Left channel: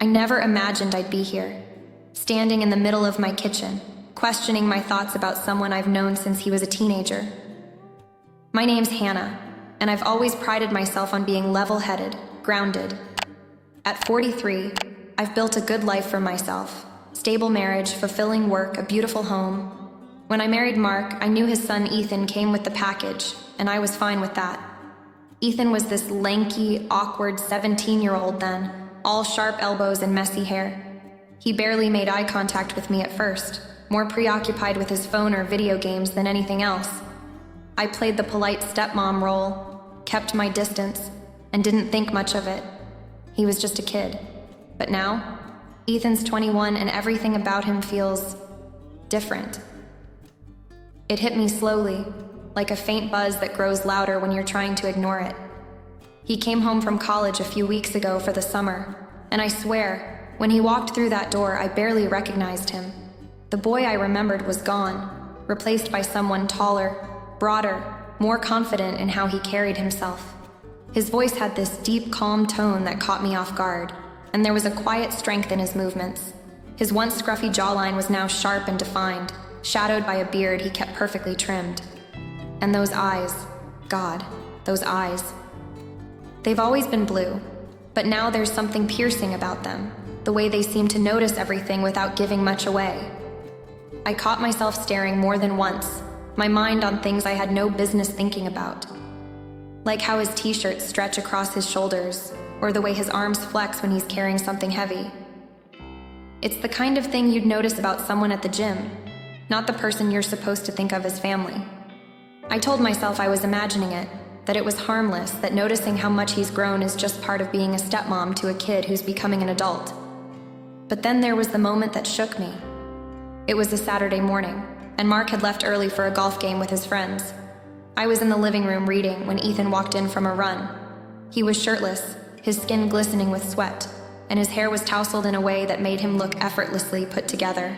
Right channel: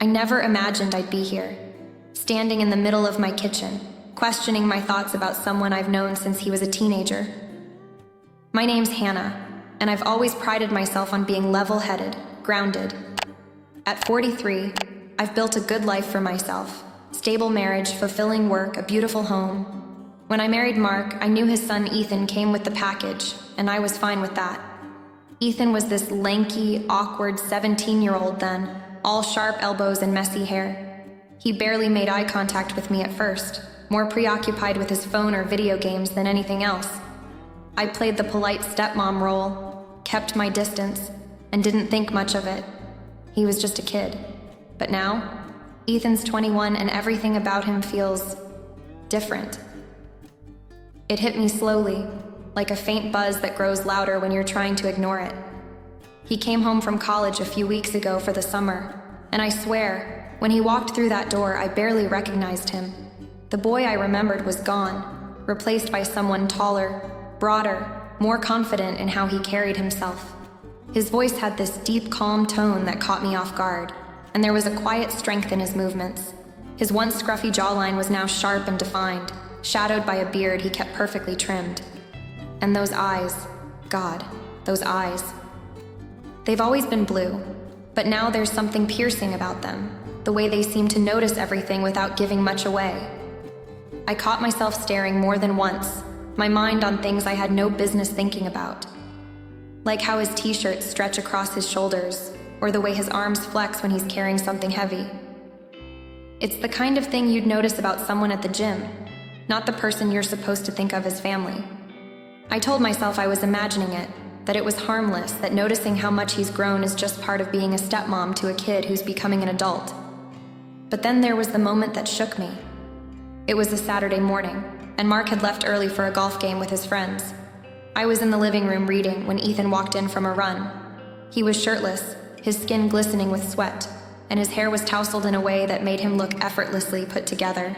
I never imagined I'd be here, standing in the middle of my kitchen, questioning my thoughts about someone I've known since he was a teenager. My name's Hannah, and I've always prided myself on being level-headed, grounded. At 43, I've built a good life for myself. Stable marriage, fulfilling work, a beautiful home. When I married Mark, I knew his son Ethan came with the package, and I was fine with that. Ethan was this lanky, awkward 17-year-old then, all sharp elbows and messy hair. He barely made eye contact with me at first, more preoccupied with his phone or video games than anything else. I played the polite stepmom role, kept my distance, and didn't think much of it. He was just a kid. But now, Ethan's 21 and everything about him feels different. It hit me slowly, like a faint buzz that grows louder when you're trying to ignore it. He came home from college a few weeks ago for the summer, and I swear, when he walked through that door, I barely recognized him. The boy I remembered was gone, replaced by someone taller, broader, more confident in how he carried himself. His voice had this deep, calm tone that caught me off guard, and there was a quiet strength in his movements. His once scruffy jawline was now sharp and defined, shadowed by a beard he kept perfectly trimmed. And those eyes, God, those eyes. They've always been blue, but now there's something piercing about them, the way they seem to notice everything without giving much away. I caught myself staring more than once, my mind on things I had no business thinking about. Like how his t-shirts stretch across his shoulders, or the way his arms flex when he's carrying something heavy. It's the kind of thing you'd notice about someone at the gym, not the person you're supposed to think of as family. I told myself I was imagining it, that it was harmless, that noticing how much he's grown is just part of being a stepmom to a kid who's becoming an adult. But then there was the moment that shook me. It was a Saturday morning, and Mark had left early for a golf game with his friends. I was in the living room reading when Ethan walked in from a run. He was shirtless, his skin glistening with sweat, and his hair was tousled in a way that made him look effortlessly put together.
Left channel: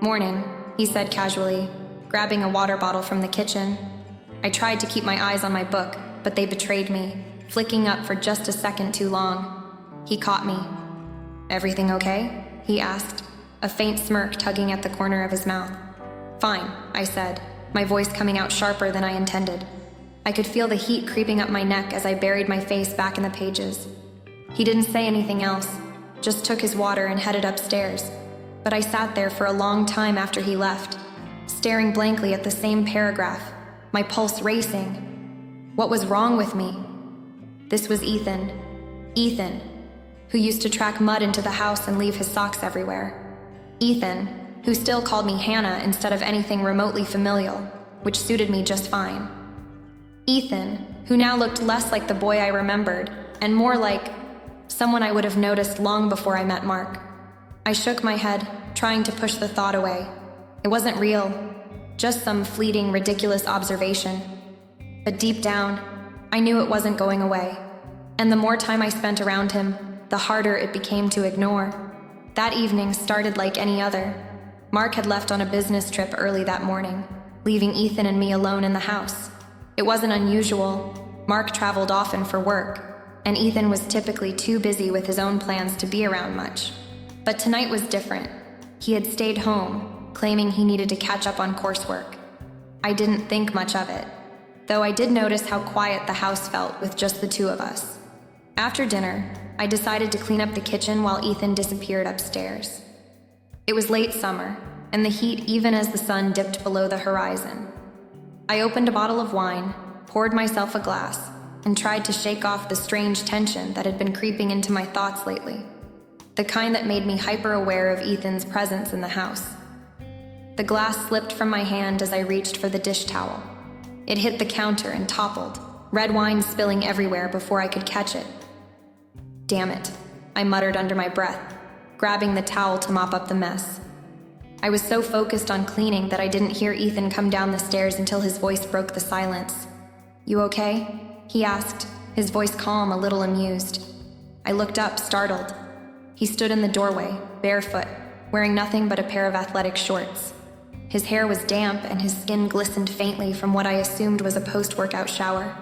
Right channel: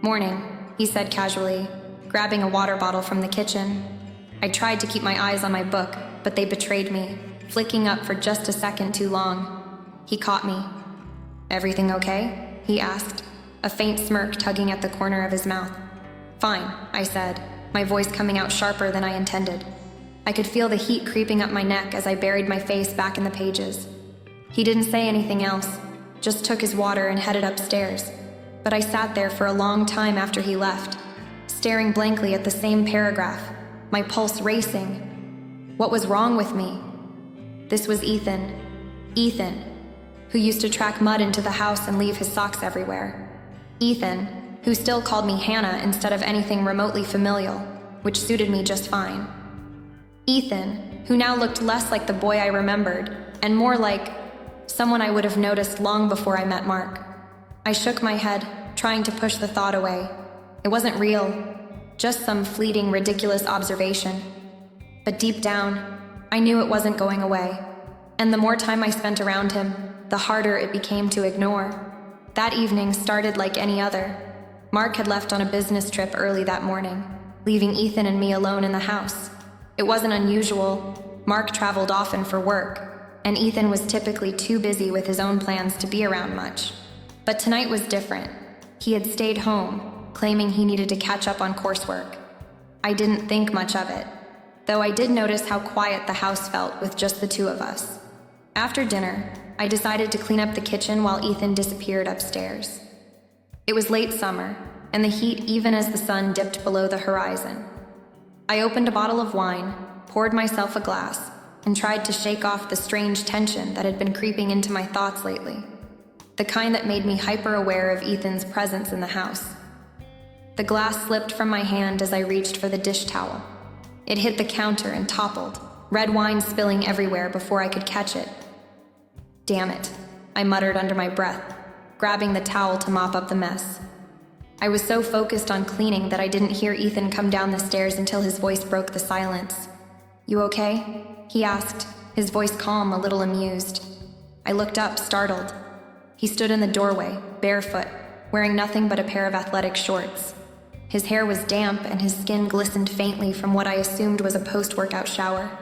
"Morning," he said casually, grabbing a water bottle from the kitchen. I tried to keep my eyes on my book, but they betrayed me, flicking up for just a second too long. He caught me. "Everything okay?" he asked, a faint smirk tugging at the corner of his mouth. "Fine," I said, my voice coming out sharper than I intended. I could feel the heat creeping up my neck as I buried my face back in the pages. He didn't say anything else, just took his water and headed upstairs. But I sat there for a long time after he left, staring blankly at the same paragraph, my pulse racing. What was wrong with me? This was Ethan, who used to track mud into the house and leave his socks everywhere. Ethan, who still called me Hannah instead of anything remotely familial, which suited me just fine. Ethan, who now looked less like the boy I remembered, and more like someone I would have noticed long before I met Mark. I shook my head, trying to push the thought away. It wasn't real, just some fleeting, ridiculous observation. But deep down, I knew it wasn't going away. And the more time I spent around him, the harder it became to ignore. That evening started like any other. Mark had left on a business trip early that morning, leaving Ethan and me alone in the house. It wasn't unusual. Mark traveled often for work, and Ethan was typically too busy with his own plans to be around much. But tonight was different. He had stayed home, claiming he needed to catch up on coursework. I didn't think much of it, though I did notice how quiet the house felt with just the two of us. After dinner, I decided to clean up the kitchen while Ethan disappeared upstairs. It was late summer, and the heat even as the sun dipped below the horizon. I opened a bottle of wine, poured myself a glass, and tried to shake off the strange tension that had been creeping into my thoughts lately. The kind that made me hyper-aware of Ethan's presence in the house. The glass slipped from my hand as I reached for the dish towel. It hit the counter and toppled, red wine spilling everywhere before I could catch it. "Damn it," I muttered under my breath, grabbing the towel to mop up the mess. I was so focused on cleaning that I didn't hear Ethan come down the stairs until his voice broke the silence. "You okay?" he asked, his voice calm, a little amused. I looked up, startled. He stood in the doorway, barefoot, wearing nothing but a pair of athletic shorts. His hair was damp and his skin glistened faintly from what I assumed was a post-workout shower.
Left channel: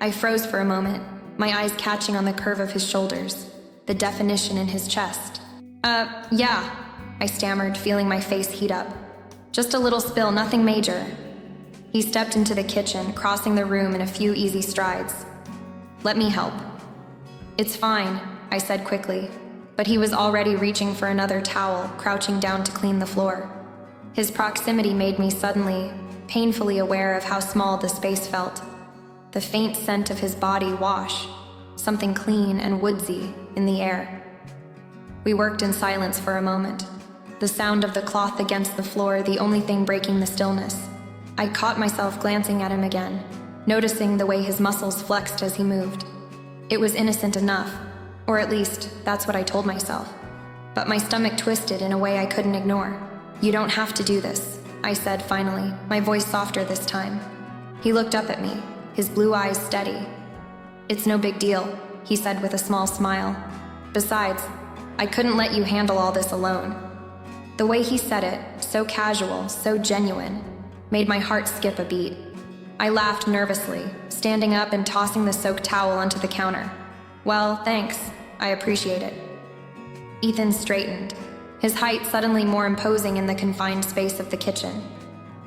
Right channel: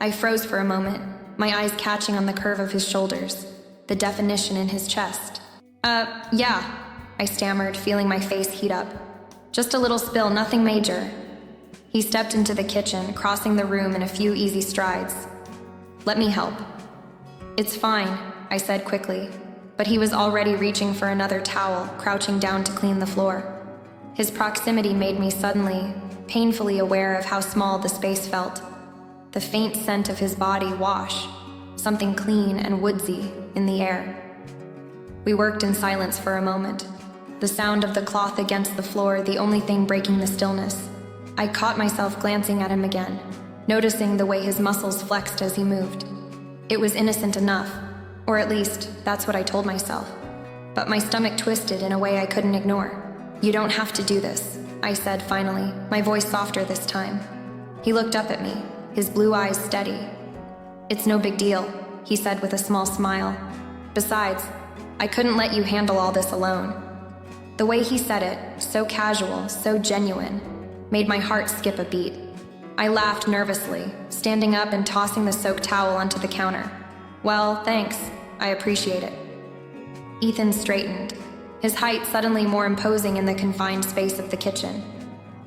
I froze for a moment, my eyes catching on the curve of his shoulders, the definition in his chest. Yeah, I stammered, feeling my face heat up. Just a little spill, nothing major. He stepped into the kitchen, crossing the room in a few easy strides. Let me help. It's fine, I said quickly, but he was already reaching for another towel, crouching down to clean the floor. His proximity made me suddenly, painfully aware of how small the space felt. The faint scent of his body wash, something clean and woodsy in the air. We worked in silence for a moment, the sound of the cloth against the floor the only thing breaking the stillness. I caught myself glancing at him again, noticing the way his muscles flexed as he moved. It was innocent enough, or at least that's what I told myself. But my stomach twisted in a way I couldn't ignore. You don't have to do this, I said finally, my voice softer this time. He looked up at me, his blue eyes steady. It's no big deal, he said with a small smile. Besides, I couldn't let you handle all this alone. The way he said it, so casual, so genuine, made my heart skip a beat. I laughed nervously, standing up and tossing the soaked towel onto the counter. Well, thanks. I appreciate it. Ethan straightened, his height suddenly more imposing in the confined space of the kitchen.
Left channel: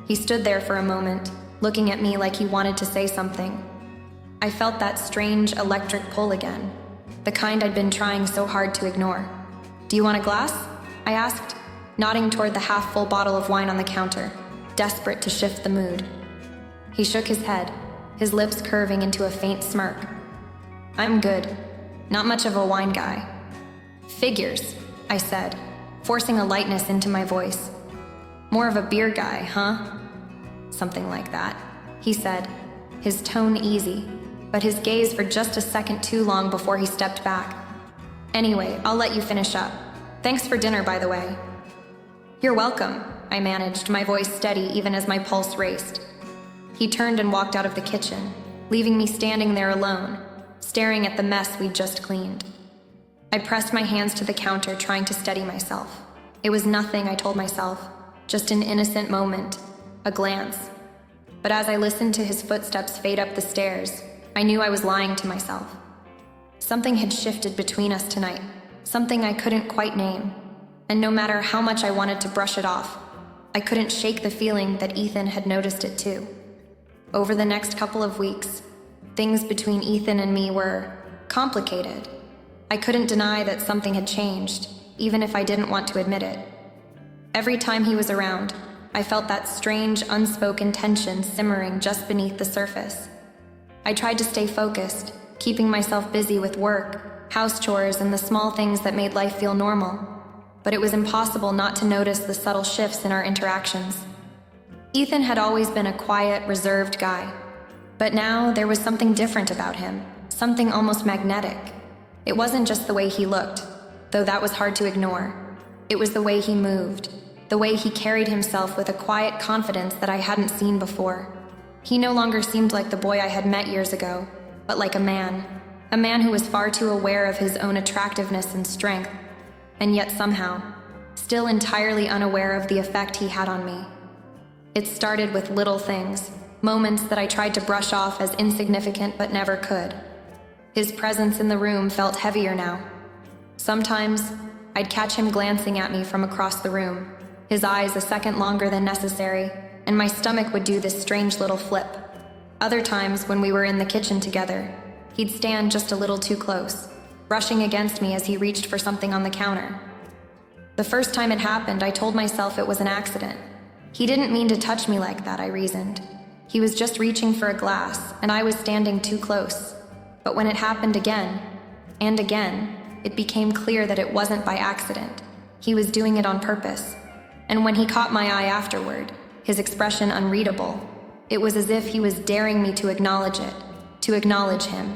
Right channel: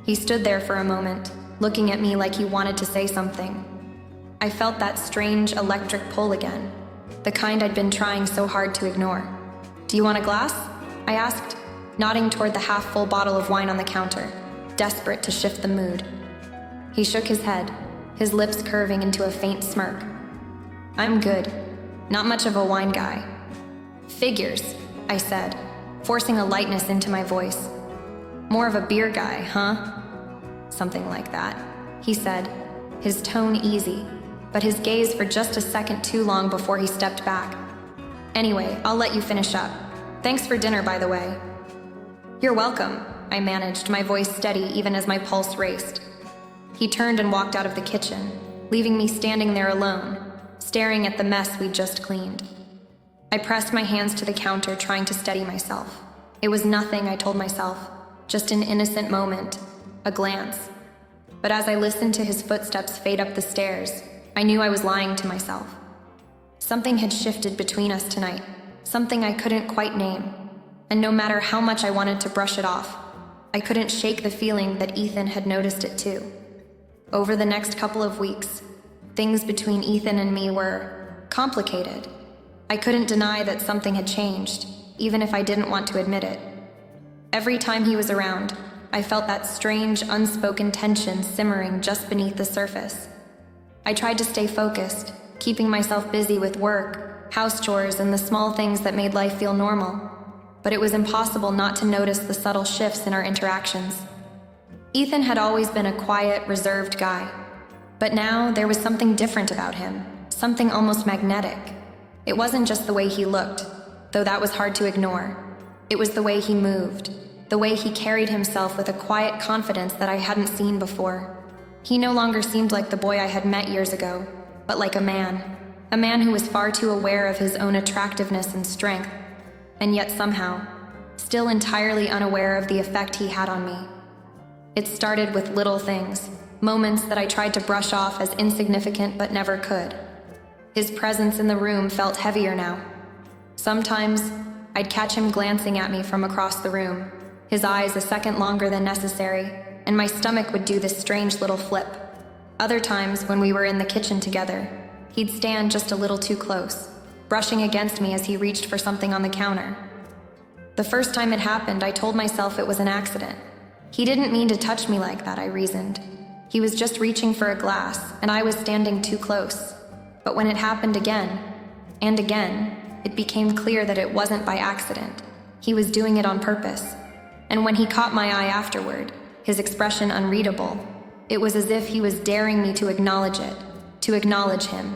He stood there for a moment, looking at me like he wanted to say something. I felt that strange electric pull again, the kind I'd been trying so hard to ignore. Do you want a glass? I asked, nodding toward the half-full bottle of wine on the counter, desperate to shift the mood. He shook his head, his lips curving into a faint smirk. I'm good. Not much of a wine guy. Figures, I said, forcing a lightness into my voice. More of a beer guy, huh? Something like that, he said, his tone easy, but his gaze for just a second too long before he stepped back. Anyway, I'll let you finish up. Thanks for dinner, by the way. You're welcome, I managed, my voice steady even as my pulse raced. He turned and walked out of the kitchen, leaving me standing there alone, staring at the mess we'd just cleaned. I pressed my hands to the counter, trying to steady myself. It was nothing, I told myself, just an innocent moment, a glance. But as I listened to his footsteps fade up the stairs, I knew I was lying to myself. Something had shifted between us tonight, something I couldn't quite name, and no matter how much I wanted to brush it off, I couldn't shake the feeling that Ethan had noticed it too. Over the next couple of weeks, things between Ethan and me were complicated. I couldn't deny that something had changed, even if I didn't want to admit it. Every time he was around, I felt that strange, unspoken tension simmering just beneath the surface. I tried to stay focused, keeping myself busy with work, house chores, and the small things that made life feel normal. But it was impossible not to notice the subtle shifts in our interactions. Ethan had always been a quiet, reserved guy. But now there was something different about him, something almost magnetic. It wasn't just the way he looked, though that was hard to ignore. It was the way he moved, the way he carried himself with a quiet confidence that I hadn't seen before. He no longer seemed like the boy I had met years ago, but like a man who was far too aware of his own attractiveness and strength, and yet somehow, still entirely unaware of the effect he had on me. It started with little things, moments that I tried to brush off as insignificant but never could. His presence in the room felt heavier now. Sometimes, I'd catch him glancing at me from across the room, his eyes a second longer than necessary, and my stomach would do this strange little flip. Other times, when we were in the kitchen together, he'd stand just a little too close, brushing against me as he reached for something on the counter. The first time it happened, I told myself it was an accident. He didn't mean to touch me like that, I reasoned. He was just reaching for a glass, and I was standing too close. But when it happened again, and again, it became clear that it wasn't by accident. He was doing it on purpose. And when he caught my eye afterward, his expression unreadable, it was as if he was daring me to acknowledge it, to acknowledge him.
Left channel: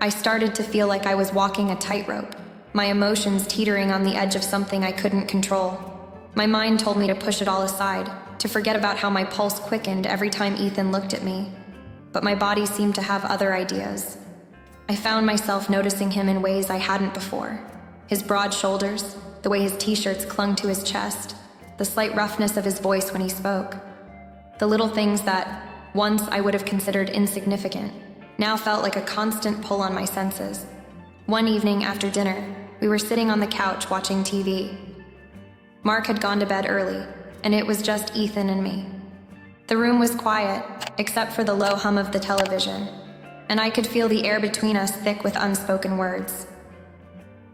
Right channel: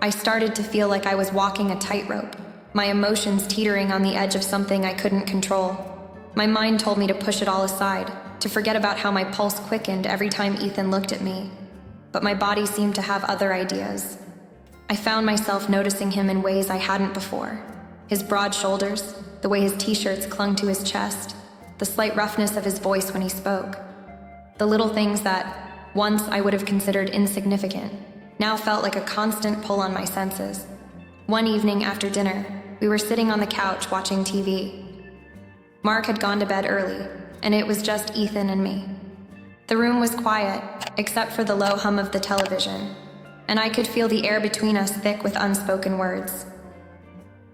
I started to feel like I was walking a tightrope, my emotions teetering on the edge of something I couldn't control. My mind told me to push it all aside, to forget about how my pulse quickened every time Ethan looked at me. But my body seemed to have other ideas. I found myself noticing him in ways I hadn't before. His broad shoulders, the way his t-shirts clung to his chest, the slight roughness of his voice when he spoke. The little things that, once I would have considered insignificant, now felt like a constant pull on my senses. One evening after dinner, we were sitting on the couch watching TV. Mark had gone to bed early, and it was just Ethan and me. The room was quiet, except for the low hum of the television, and I could feel the air between us thick with unspoken words.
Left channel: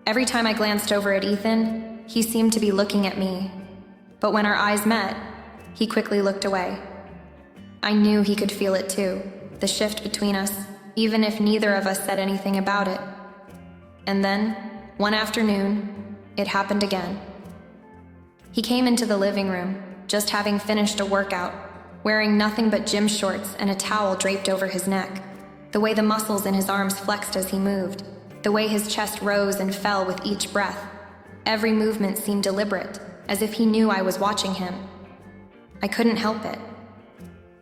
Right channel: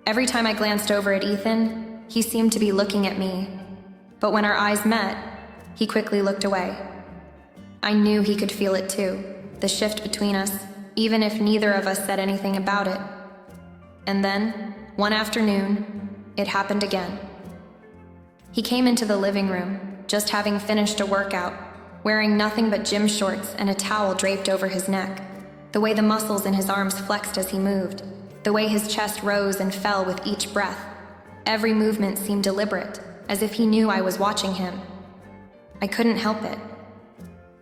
Every time I glanced over at Ethan, he seemed to be looking at me, but when our eyes met, he quickly looked away. I knew he could feel it too, the shift between us, even if neither of us said anything about it. And then, one afternoon, it happened again. He came into the living room, just having finished a workout, wearing nothing but gym shorts and a towel draped over his neck. The way the muscles in his arms flexed as he moved, the way his chest rose and fell with each breath. Every movement seemed deliberate, as if he knew I was watching him. I couldn't help it.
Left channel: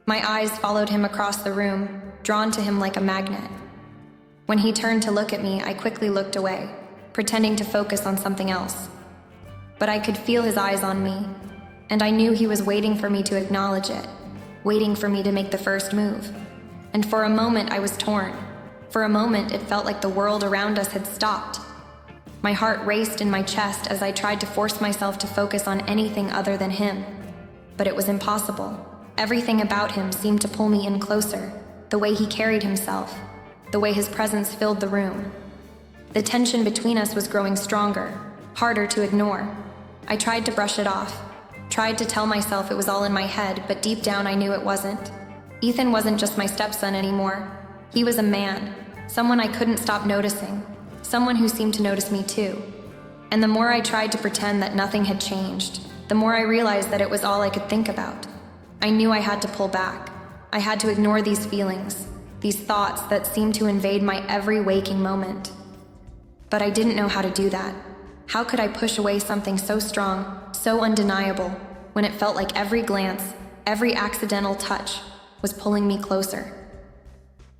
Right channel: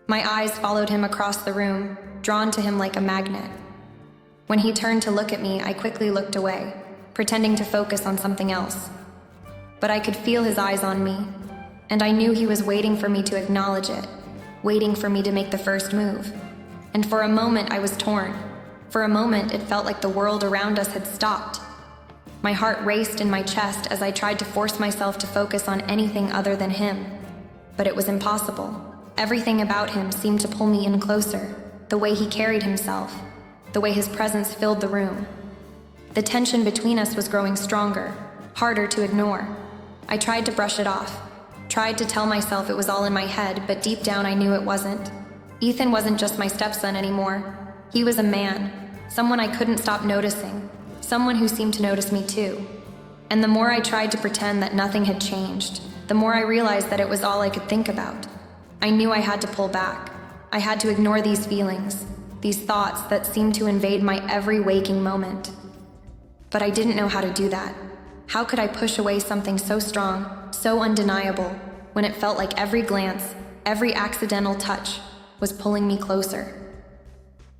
My eyes followed him across the room, drawn to him like a magnet. When he turned to look at me, I quickly looked away, pretending to focus on something else. But I could feel his eyes on me, and I knew he was waiting for me to acknowledge it, waiting for me to make the first move. And for a moment, I was torn. For a moment, it felt like the world around us had stopped. My heart raced in my chest as I tried to force myself to focus on anything other than him. But it was impossible. Everything about him seemed to pull me in closer. The way he carried himself, the way his presence filled the room. The tension between us was growing stronger, harder to ignore. I tried to brush it off, tried to tell myself it was all in my head, but deep down I knew it wasn't. Ethan wasn't just my stepson anymore. He was a man, someone I couldn't stop noticing, someone who seemed to notice me too. And the more I tried to pretend that nothing had changed, the more I realized that it was all I could think about. I knew I had to pull back. I had to ignore these feelings, these thoughts that seemed to invade my every waking moment. But I didn't know how to do that. How could I push away something so strong, so undeniable, when it felt like every glance, every accidental touch was pulling me closer?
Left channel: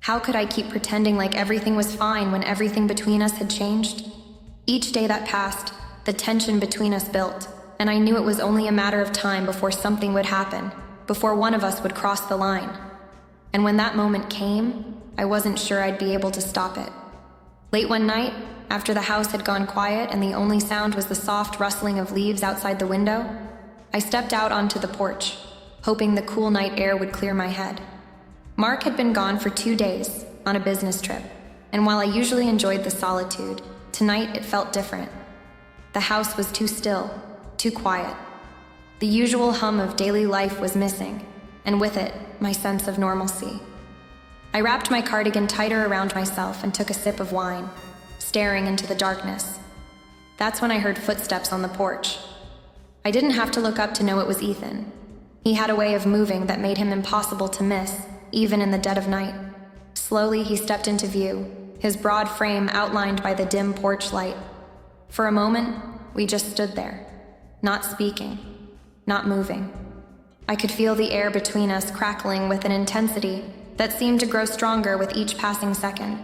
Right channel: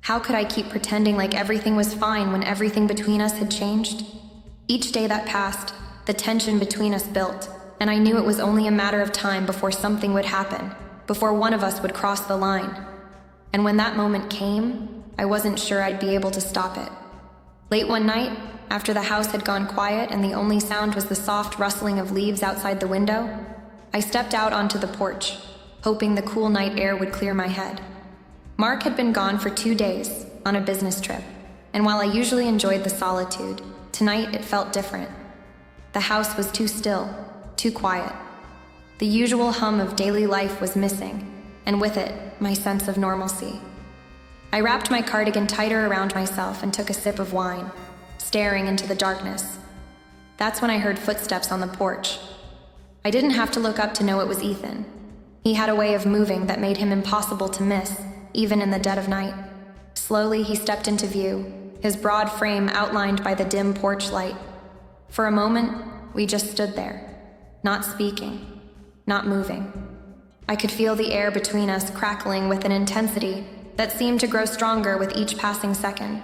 How could I keep pretending like everything was fine when everything between us had changed? Each day that passed, the tension between us built, and I knew it was only a matter of time before something would happen, before one of us would cross the line. And when that moment came, I wasn't sure I'd be able to stop it. Late one night, after the house had gone quiet and the only sound was the soft rustling of leaves outside the window, I stepped out onto the porch, hoping the cool night air would clear my head. Mark had been gone for 2 days, on a business trip, and while I usually enjoyed the solitude, tonight it felt different. The house was too still, too quiet. The usual hum of daily life was missing, and with it, my sense of normalcy. I wrapped my cardigan tighter around myself and took a sip of wine, staring into the darkness. That's when I heard footsteps on the porch. I didn't have to look up to know it was Ethan. He had a way of moving that made him impossible to miss, even in the dead of night. Slowly, he stepped into view, his broad frame outlined by the dim porch light. For a moment, we just stood there, not speaking, not moving. I could feel the air between us crackling with an intensity that seemed to grow stronger with each passing second.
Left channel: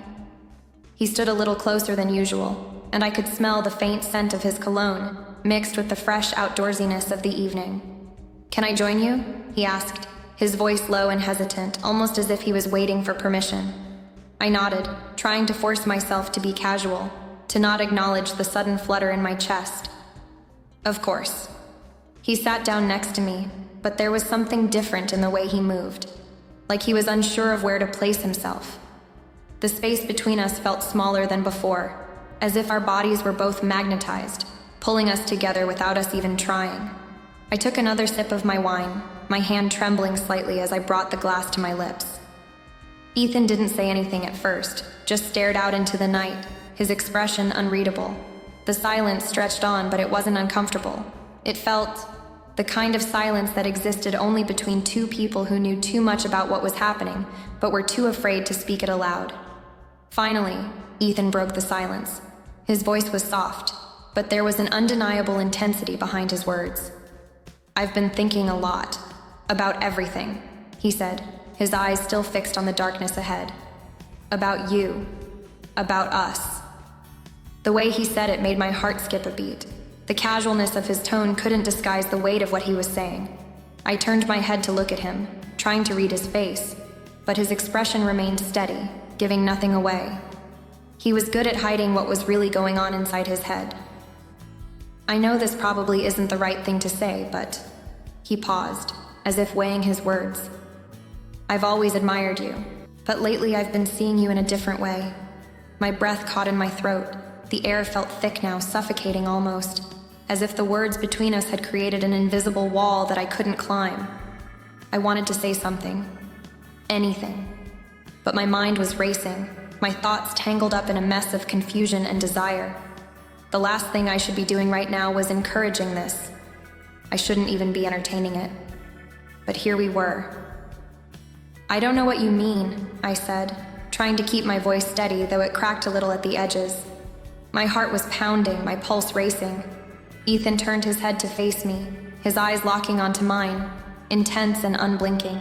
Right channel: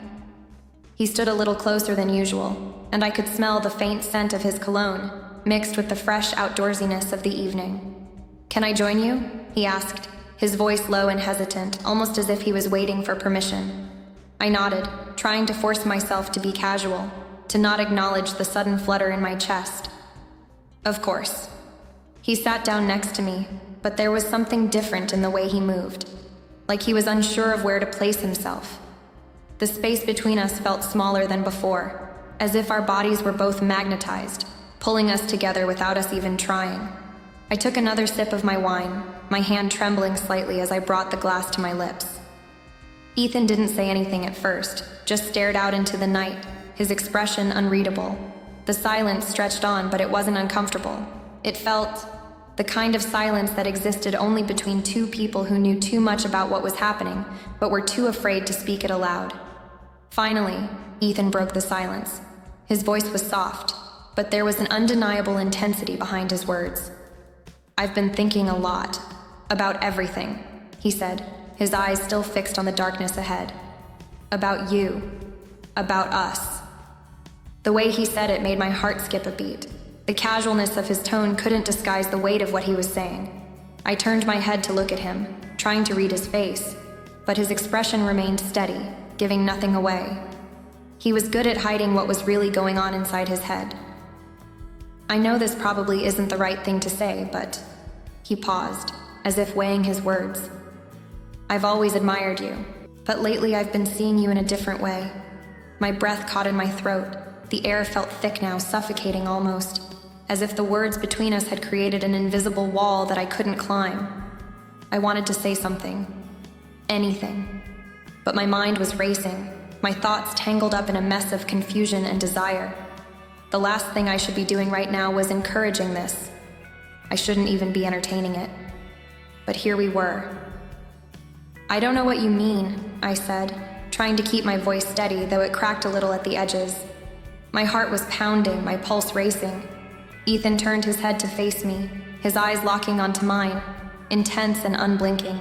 He stood a little closer than usual, and I could smell the faint scent of his cologne, mixed with the fresh outdoorsiness of the evening. "Can I join you?" he asked, his voice low and hesitant, almost as if he was waiting for permission. I nodded, trying to force myself to be casual, to not acknowledge the sudden flutter in my chest. "Of course." He sat down next to me, but there was something different in the way he moved, like he was unsure of where to place himself. The space between us felt smaller than before, as if our bodies were both magnetized, pulling us together without us even trying. I took another sip of my wine, my hand trembling slightly as I brought the glass to my lips. Ethan didn't say anything at first, just stared out into the night, his expression unreadable. The silence stretched on, but it wasn't uncomfortable. It felt the kind of silence that existed only between two people who knew too much about what was happening, but were too afraid to speak it aloud. Finally, Ethan broke the silence. His voice was soft, but there was an undeniable intensity behind his words. "I've been thinking a lot, about everything," he said, his eyes still fixed on the darkness ahead. "About you, about us." The way he said it made my heart skip a beat. The casualness of his tone couldn't disguise the weight of what he was saying. I turned my head to look at him, trying to read his face, but his expression remained steady, giving nothing away. He was good at hiding what was really going on inside his head. I know this probably isn't the right thing to say, but he paused, as if weighing his words. I've always admired you, but lately I've been seeing you in a different way. My breath caught in my throat. The air felt thick now, suffocating almost, as if the words between us had created an invisible wall that I couldn't climb. I wanted to say something. Anything. But my mind was racing, my thoughts tangled up in a mess of confusion and desire. The last thing I should be doing right now was encouraging this. I shouldn't even be entertaining it. But here we were. I don't know what you mean, I said, trying to keep my voice steady, though it cracked a little at the edges. My heart was pounding, my pulse racing. Ethan turned his head to face me, his eyes locking onto mine, intense and unblinking.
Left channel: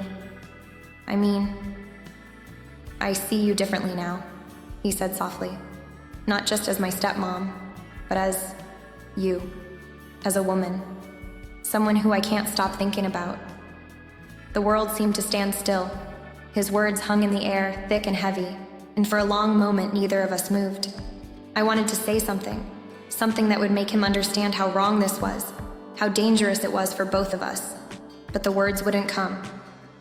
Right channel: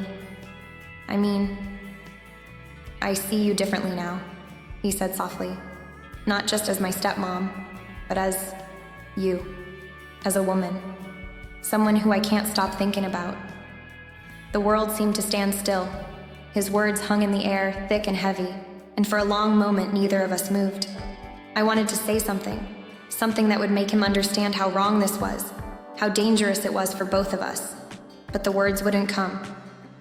I see you differently now, he said softly. Not just as my stepmom, but as you, as a woman. Someone who I can't stop thinking about. The world seemed to stand still. His words hung in the air, thick and heavy, and for a long moment neither of us moved. I wanted to say something that would make him understand how wrong this was, how dangerous it was for both of us. But the words wouldn't come.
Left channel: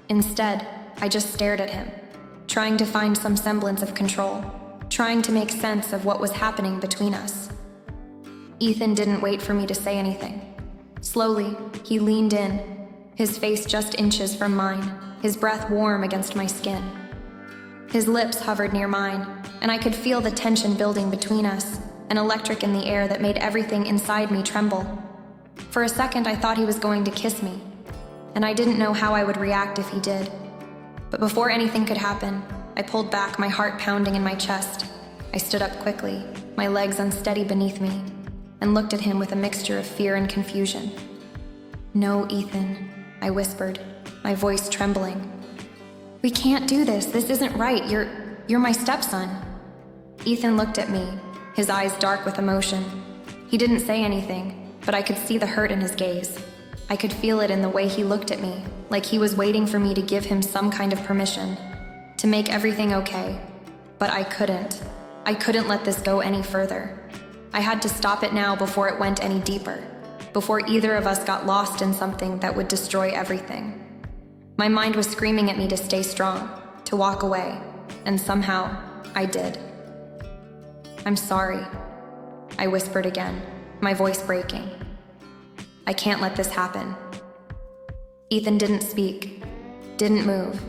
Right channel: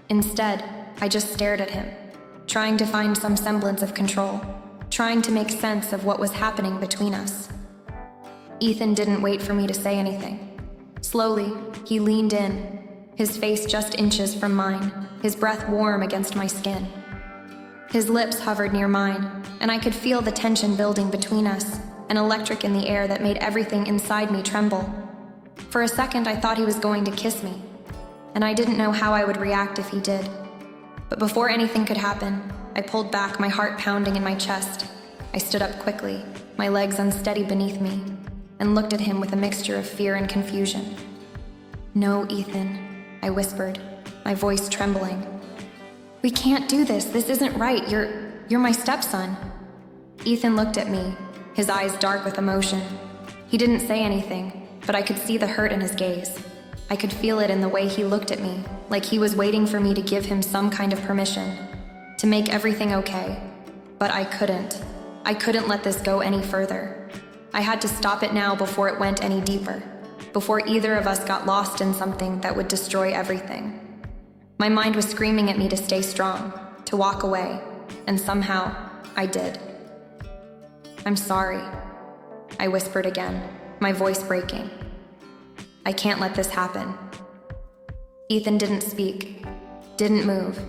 Instead, I just stared at him, trying to find some semblance of control, trying to make sense of what was happening between us. Ethan didn't wait for me to say anything. Slowly, he leaned in, his face just inches from mine, his breath warm against my skin. His lips hovered near mine, and I could feel the tension building between us, an electric in the air that made everything inside me tremble. For a second, I thought he was going to kiss me, and I didn't know how I would react if he did. But before anything could happen, I pulled back, my heart pounding in my chest. I stood up quickly, my legs unsteady beneath me, and looked at him with a mixture of fear and confusion. No, Ethan, I whispered, my voice trembling. We can't do this. This isn't right. You're my stepson. Ethan looked at me, his eyes dark with emotion. He didn't say anything, but I could see the hurt in his gaze. I could feel it in the way he looked at me, like he was waiting for me to give him some kind of permission, to make everything okay. But I couldn't. I couldn't let this go any further. I had to stop it now before it went any deeper, before either of us got lost in something that would destroy everything. My mind was screaming at me to stay strong, to walk away, and somehow, I did. I'm sorry, I whispered again, my voice breaking. I can't let this happen. Ethan didn't speak, didn't move.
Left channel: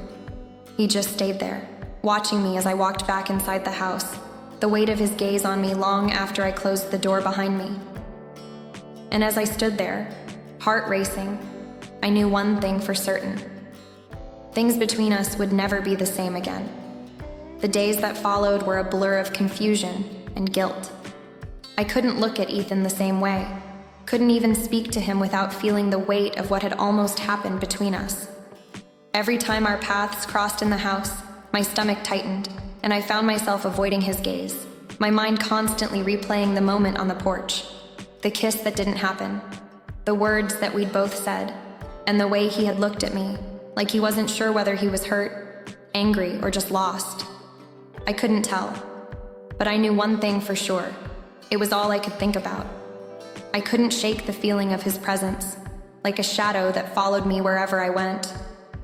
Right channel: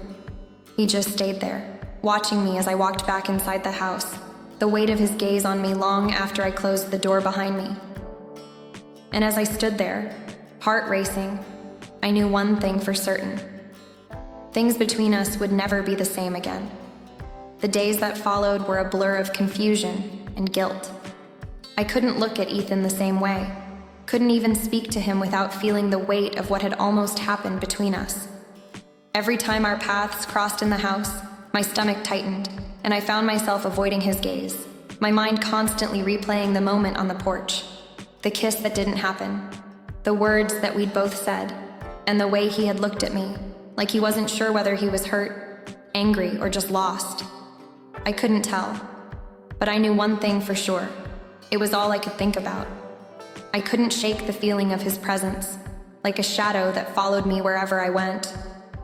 He just stayed there, watching me as I walked back inside the house, the weight of his gaze on me long after I closed the door behind me. And as I stood there, heart racing, I knew one thing for certain. Things between us would never be the same again. The days that followed were a blur of confusion and guilt. I couldn't look at Ethan the same way, couldn't even speak to him without feeling the weight of what had almost happened between us. Every time our paths crossed in the house, my stomach tightened, and I found myself avoiding his gaze, my mind constantly replaying the moment on the porch, the kiss that didn't happen, the words that we'd both said, and the way he had looked at me, like he wasn't sure whether he was hurt, angry, or just lost. I couldn't tell, but I knew one thing for sure. It was all I could think about. I couldn't shake the feeling of his presence, like a shadow that followed me wherever I went.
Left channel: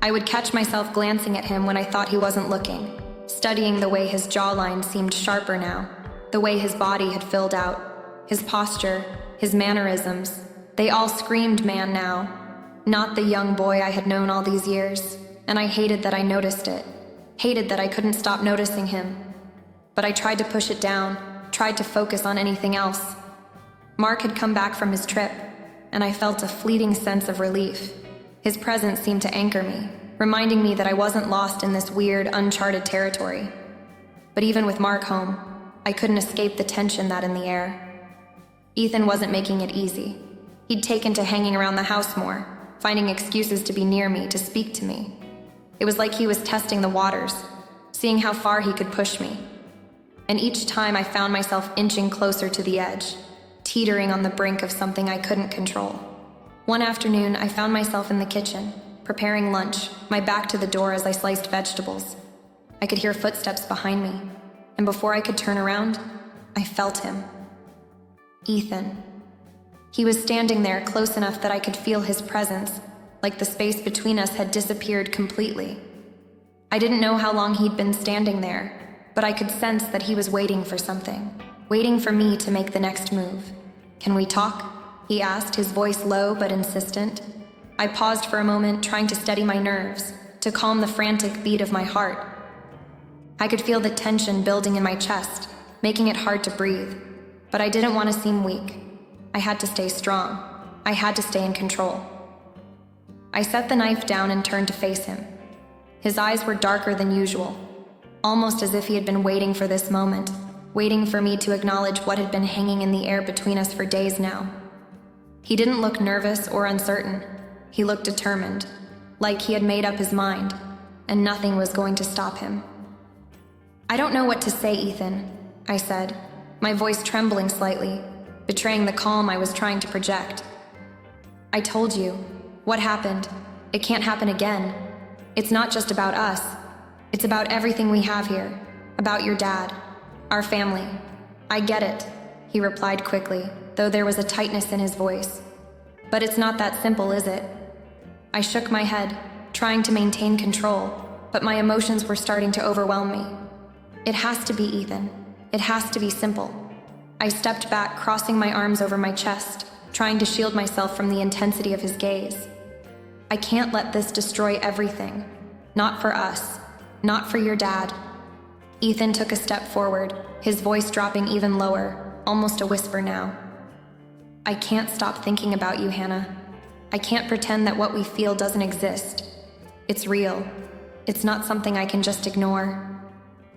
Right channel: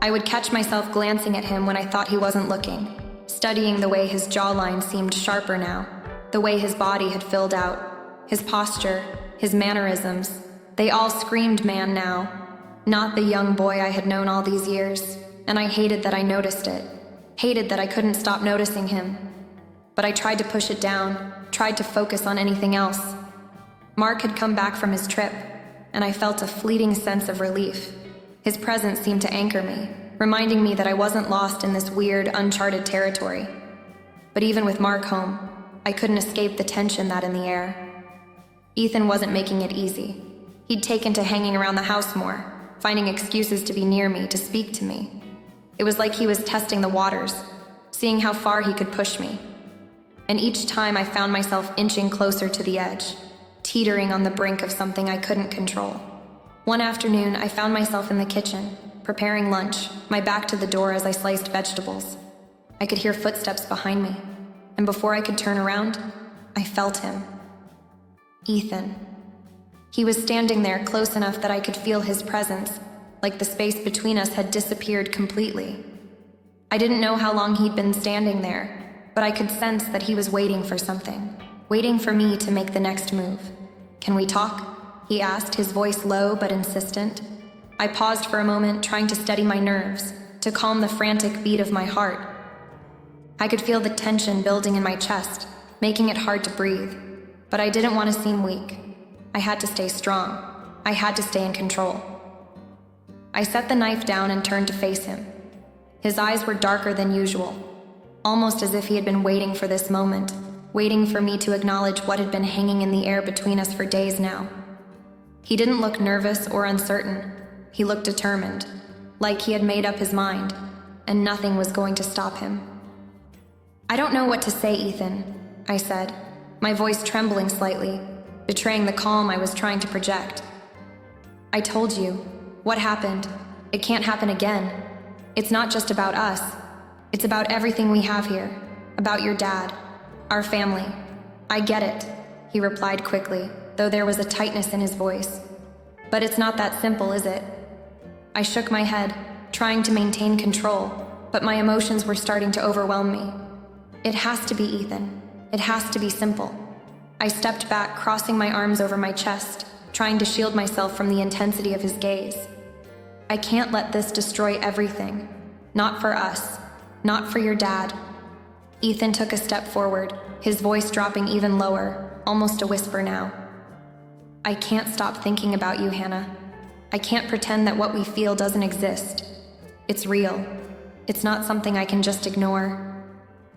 I would catch myself glancing at him when I thought he wasn't looking, studying the way his jawline seemed sharper now, the way his body had filled out, his posture, his mannerisms. They all screamed man now, not the young boy I had known all these years, and I hated that I noticed it, hated that I couldn't stop noticing him. But I tried to push it down, tried to focus on anything else. Mark had come back from his trip, and I felt a fleeting sense of relief. His presence seemed to anchor me, reminding me that I wasn't lost in this weird, uncharted territory. But even with Mark home, I couldn't escape the tension that in the air. Ethan wasn't making it easy. He'd taken to hanging around the house more, finding excuses to be near me, to speak to me. It was like he was testing the waters, seeing how far he could push me. And each time I found myself inching closer to the edge, teetering on the brink of something I couldn't control. One afternoon, I found myself in the kitchen, preparing lunch, my back to the door as I sliced vegetables. I could hear footsteps behind me. and before I could turn around, I felt him. Ethan. He was standing there close enough that I could feel his presence, like the space between us had disappeared completely. I didn't know how long he'd been standing there, but I could sense that he was waiting for something, waiting for me to make the next move. "Can we talk?" he asked, his voice low but insistent. I paused for a moment, trying to steady my nerves, to calm the frantic beat of my heart. I could feel the tension building in my chest, making it hard to breathe, but I didn't want to seem weak. I had to stay strong. I had to stay in control. I set the knife down and turned to face him. His eyes were darker than usual, almost as if he had been waiting for this moment, waiting for me to acknowledge what had been hanging in the air between us for days now. He didn't look nervous or uncertain. He looked determined, like he had made up his mind, and nothing was going to stop him. "I don't know what to say, Ethan," I said, my voice trembling slightly, betraying the calm I was trying to project. "I told you. What happened? It can't happen again. It's not just about us. It's about everything we have here. About your dad. Our family. I get it," he replied quickly, though there was a tightness in his voice. "But it's not that simple, is it?" I shook my head, trying to maintain control, but my emotions were starting to overwhelm me. "It has to be, Ethan. It has to be simple." I stepped back, crossing my arms over my chest, trying to shield myself from the intensity of his gaze. "I can't let this destroy everything. Not for us. Not for your dad." Ethan took a step forward, his voice dropping even lower, almost a whisper now. "I can't stop thinking about you, Hannah. I can't pretend that what we feel doesn't exist. It's real. It's not something I can just ignore."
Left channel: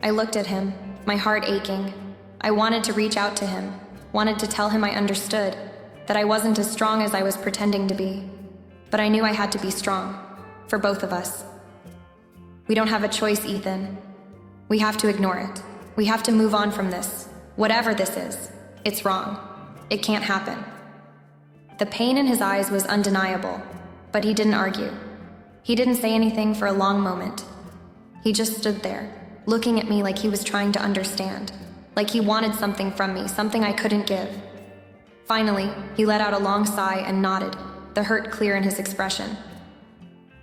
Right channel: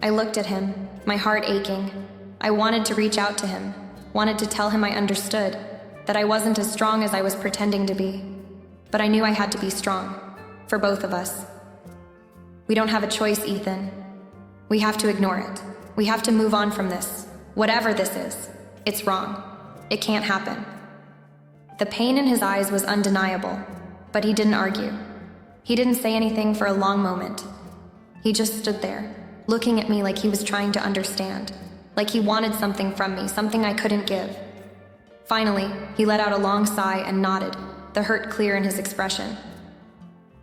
I looked at him, my heart aching. I wanted to reach out to him, wanted to tell him I understood, that I wasn't as strong as I was pretending to be. But I knew I had to be strong, for both of us. "We don't have a choice, Ethan. We have to ignore it. We have to move on from this. Whatever this is, it's wrong. It can't happen." The pain in his eyes was undeniable, but he didn't argue. He didn't say anything for a long moment. He just stood there, looking at me like he was trying to understand, like he wanted something from me, something I couldn't give. Finally, he let out a long sigh and nodded, the hurt clear in his expression.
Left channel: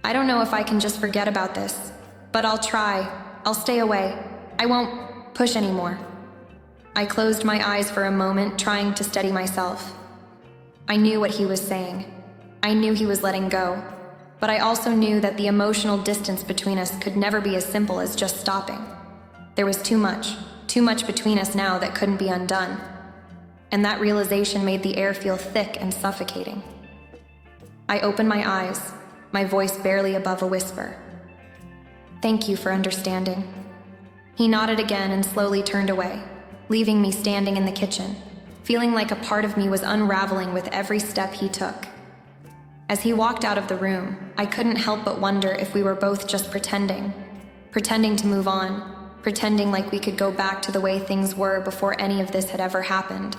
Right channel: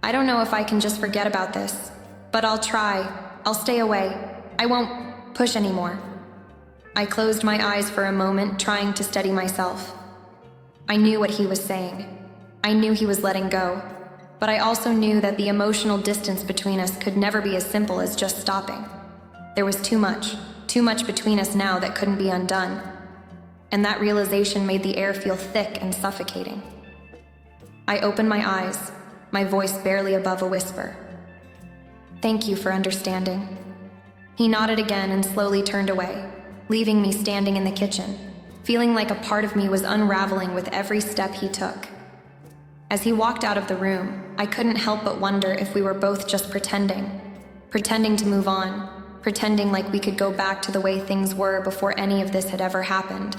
"I don't know if I can just forget about this, but I'll try. I'll stay away. I won't push anymore." I closed my eyes for a moment, trying to steady myself. I knew what he was saying. I knew he was letting go, but I also knew that the emotional distance between us could never be as simple as just stopping. There was too much between us now that couldn't be undone, and that realization made the air feel thick and suffocating. I opened my eyes, my voice barely above a whisper. "Thank you for understanding." He nodded again and slowly turned away, leaving me standing in the kitchen, feeling like a part of me was unraveling with every step he took. As he walked out of the room, I couldn't help but wonder if we were both just pretending to move on, pretending like we could go back to the way things were before any of this had ever happened.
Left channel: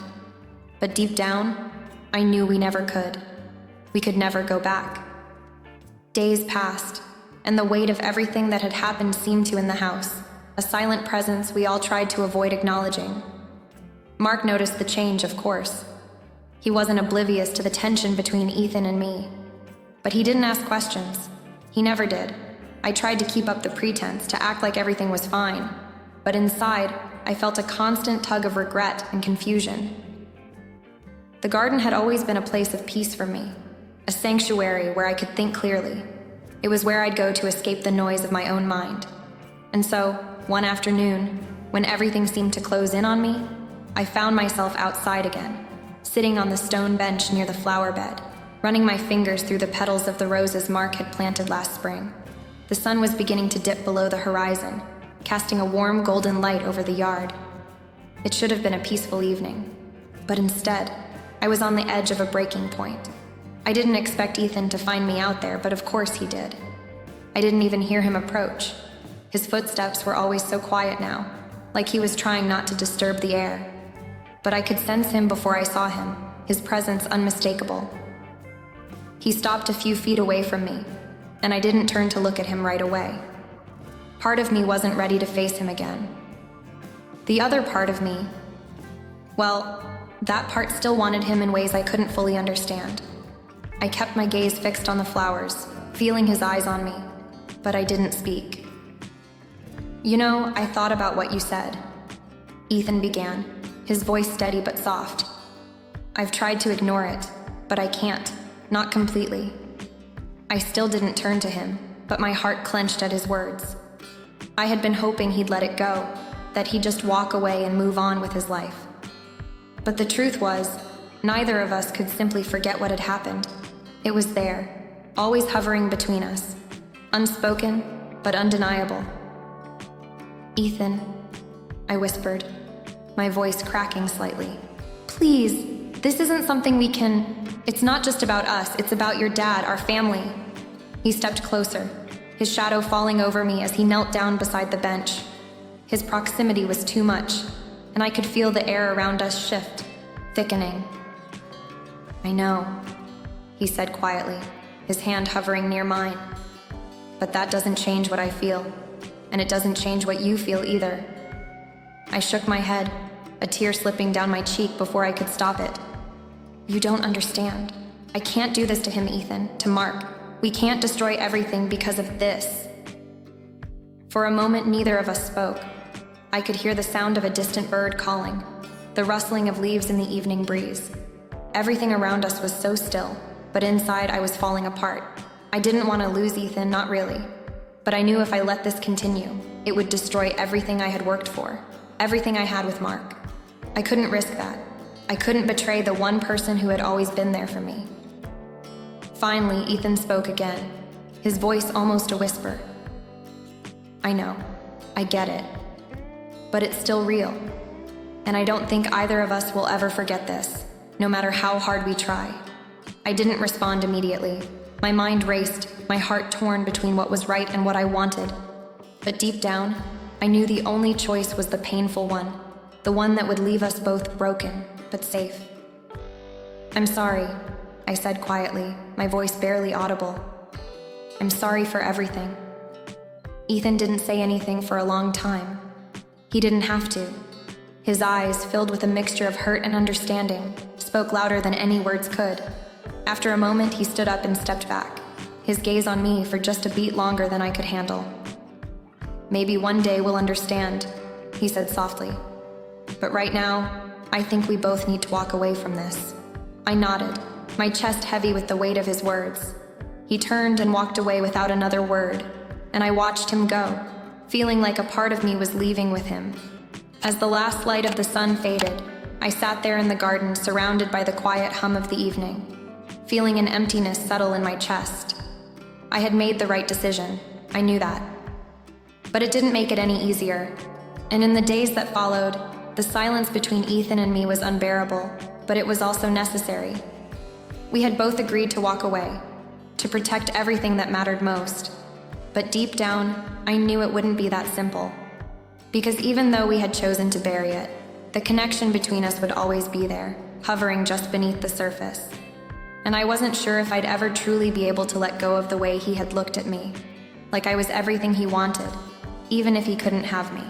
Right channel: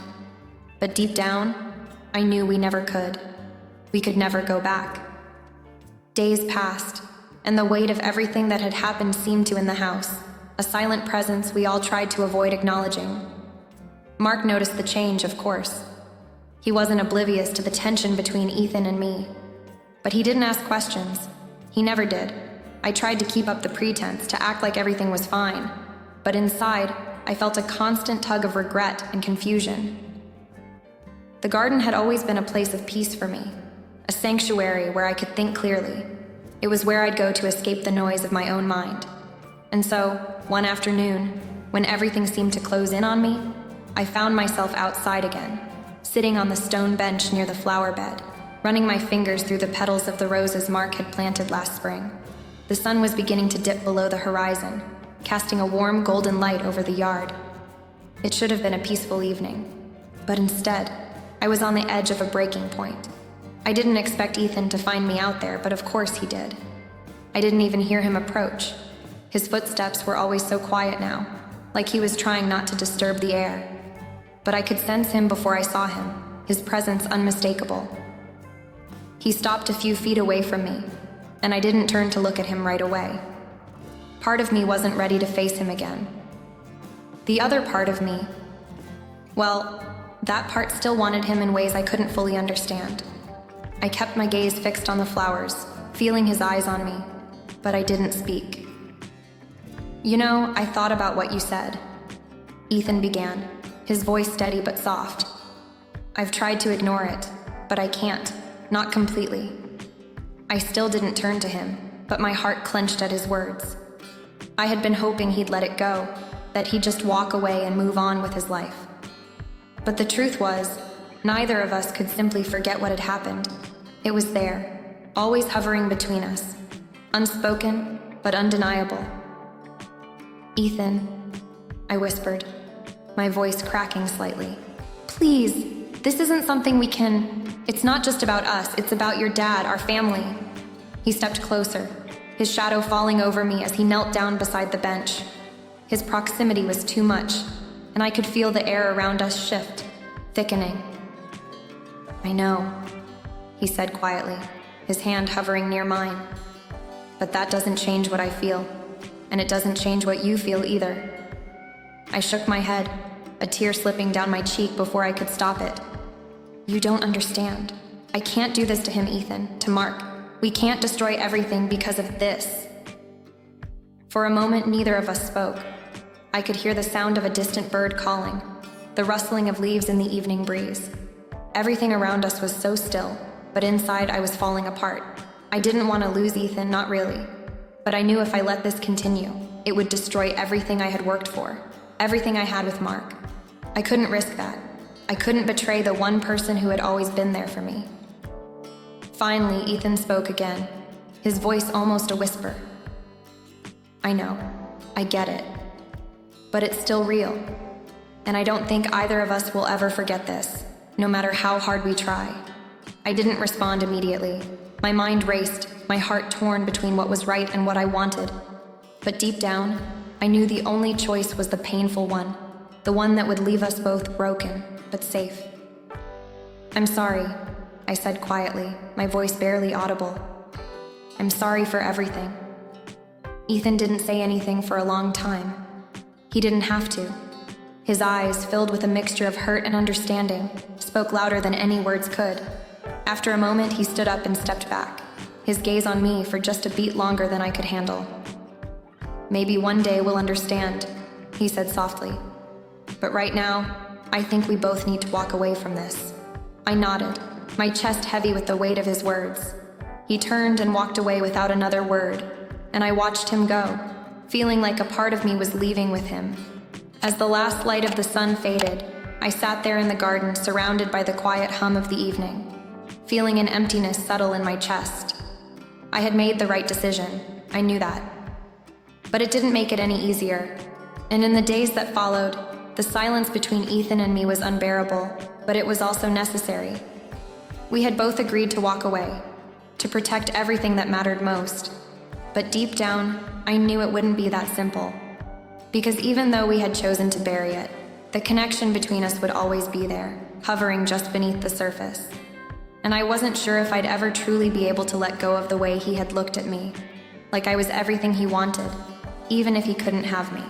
But deep down, I knew we never could. We could never go back. Days passed, and the weight of everything that had happened seemed to in the house, a silent presence we all tried to avoid acknowledging. Mark noticed the change, of course. He wasn't oblivious to the tension between Ethan and me. But he didn't ask questions. He never did. I tried to keep up the pretense, to act like everything was fine. But inside, I felt a constant tug of regret and confusion. The garden had always been a place of peace for me, a sanctuary where I could think clearly. It was where I'd go to escape the noise of my own mind. And so, one afternoon, when everything seemed to close in on me, I found myself outside again, sitting on the stone bench near the flower bed, running my fingers through the petals of the roses Mark had planted last spring. The sun was beginning to dip below the horizon, casting a warm golden light over the yard. It should have been a peaceful evening, but instead, I was on the edge of a breaking point. I didn't expect Ethan to find me out there, but of course he did. I didn't even hear him approach. His footsteps were always so quiet now, like he was trying not to disturb the air. But I could sense him before I saw him, his presence unmistakable. He stopped a few feet away from me, and I didn't turn to look at him right away. Part of me wasn't ready to face him again. The other part of me, well, that part still wanted him in ways I couldn't fully understand. I kept my gaze fixed on the flowers, feeling his eyes on me, but I didn't speak. You know, I thought about what you said. Ethan began, his voice steady but soft. I've tried to ignore it, but I can't, not completely. I still didn't turn to him, but my heart clenched at his words. I had been hoping he'd let it go, that he'd just walk away and move on with his life. But the truth was, neither of us could simply forget what had happened. It was there, always hovering between us, unspoken but undeniable. Ethan, I whispered, my voice cracking slightly. Please, this isn't something we can... It's not just about us, it's about your dad, our family. He stepped closer, his shadow falling over me as he knelt down beside the bench. His proximity was too much, and I could feel the air around us shift, thickening. I know, he said quietly, his hand hovering near mine. But that doesn't change what I feel, and it doesn't change what you feel either. I shook my head, a tear slipping down my cheek before I could stop it. You don't understand. I can't do this to him, Ethan, to Mark. We can't destroy everything because of this. For a moment, neither of us spoke. I could hear the sound of a distant bird calling, the rustling of leaves in the evening breeze. Everything around us was so still, but inside I was falling apart. I didn't want to lose Ethan, not really. But I knew if I let this continue, it would destroy everything I had worked for, everything I had with Mark. I couldn't risk that. I couldn't betray the one person who had always been there for me. Finally, Ethan spoke again, his voice almost a whisper. I know, I get it, but it's still real. And I don't think either of us will ever forget this, no matter how hard we try. I didn't respond immediately. My mind raced, my heart torn between what was right and what I wanted. But deep down, I knew the only choice was the painful one, the one that would leave us both broken, but safe. I'm sorry, I said quietly, my voice barely audible. I'm sorry for everything. Ethan didn't say anything for a long time. He didn't have to. His eyes, filled with a mixture of hurt and understanding, spoke louder than any words could. After a moment, he stood up and stepped back, his gaze on me for just a beat longer than I could handle. Maybe one day we'll understand, he said softly. But right now, I think we both need to walk away from this. I nodded, my chest heavy with the weight of his words. He turned and walked away without another word, and I watched him go, feeling like a part of me was leaving with him. As the last light of the sun faded, I sat there in the garden surrounded by the quiet hum of the evening, feeling an emptiness settle in my chest. I had made the right decision, I knew that. But it didn't make it any easier, and in the days that followed, the silence between Ethan and me was unbearable, but it was also necessary. We had both agreed to walk away, to protect everything that mattered most. But deep down, I knew it wouldn't be that simple. Because even though we had chosen to bury it, the connection between us would always be there, hovering just beneath the surface. And I wasn't sure if I'd ever truly be able to let go of the way he had looked at me, like I was everything he wanted, even if he couldn't have me.